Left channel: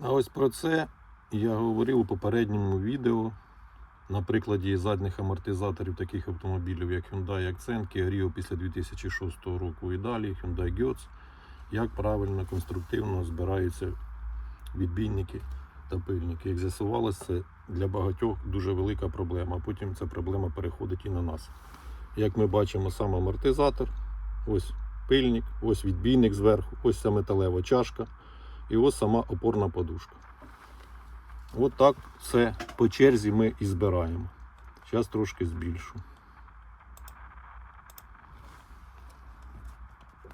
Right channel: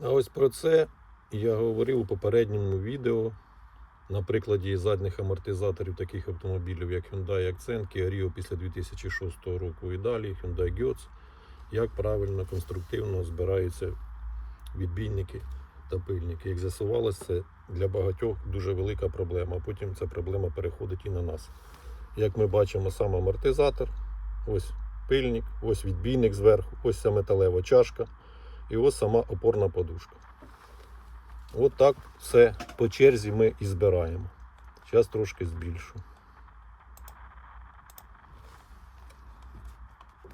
А ось про це я говорив у попередньому відео на прикладі задніх амортизаторів таких автомобілів, як Hyundai Accent, Kia Rio після 2006 року і далі, Hyundai Getz, як правильно конструктивно збираються відбійники та пильники. Як з'ясувалося, це для багатьох дуже велика проблема, а потім ця проблема переходить і на нас. Як ми бачимо, сам амортизатор, ось пильник, ось відбійник зверху, ось ця металева чашка і ось сама опорна подушка. От так все по черзі ми і збираємо. Зараз трошки збільшу.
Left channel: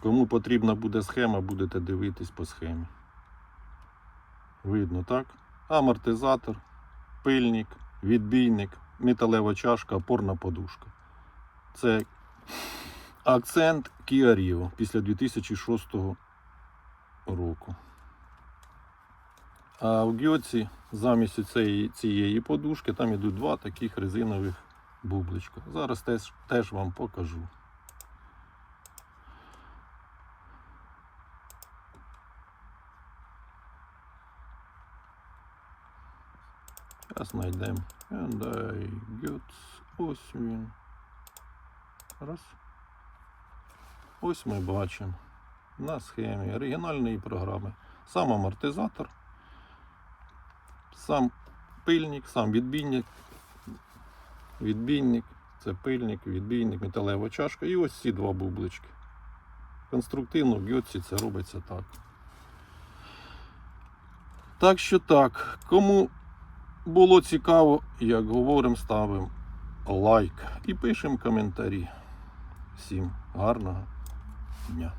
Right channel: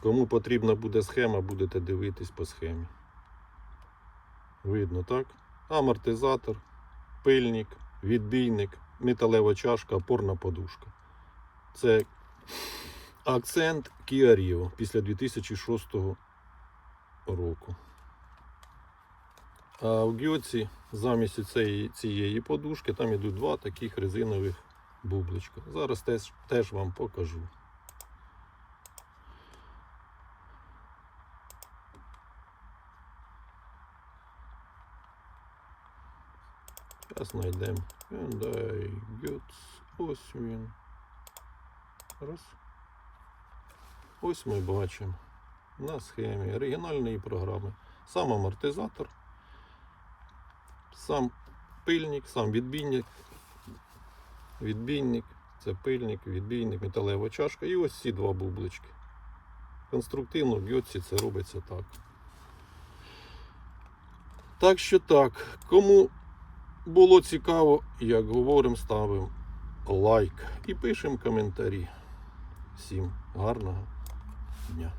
Кому потрібна буде схема, будете дивитись по схемі. Видно, так? Амортизатор, пильник, відбійник, металева чашка, опорна подушка. Це акцент Kia Rio після 2006 року. А у Гьоці замість цієї, цієї подушки там ідуть два таких резинових бубличка. Зараз теж, теж вам покажу. Зараз знайдемо Hyundai Getz. Ось він. Раз. Ось ми бачимо на схемі оригінальної програми. Сам амортизатор, сам пильник, сам відбійник, відбійник, це пильник, відбійник, металева чашка і ось ці два бублички. Конструктивно в Гьотці це робиться так. Так що так, кому було цікаво, як говоримо, ставимо лайк і пишемо коментарі. Всім гарного дня.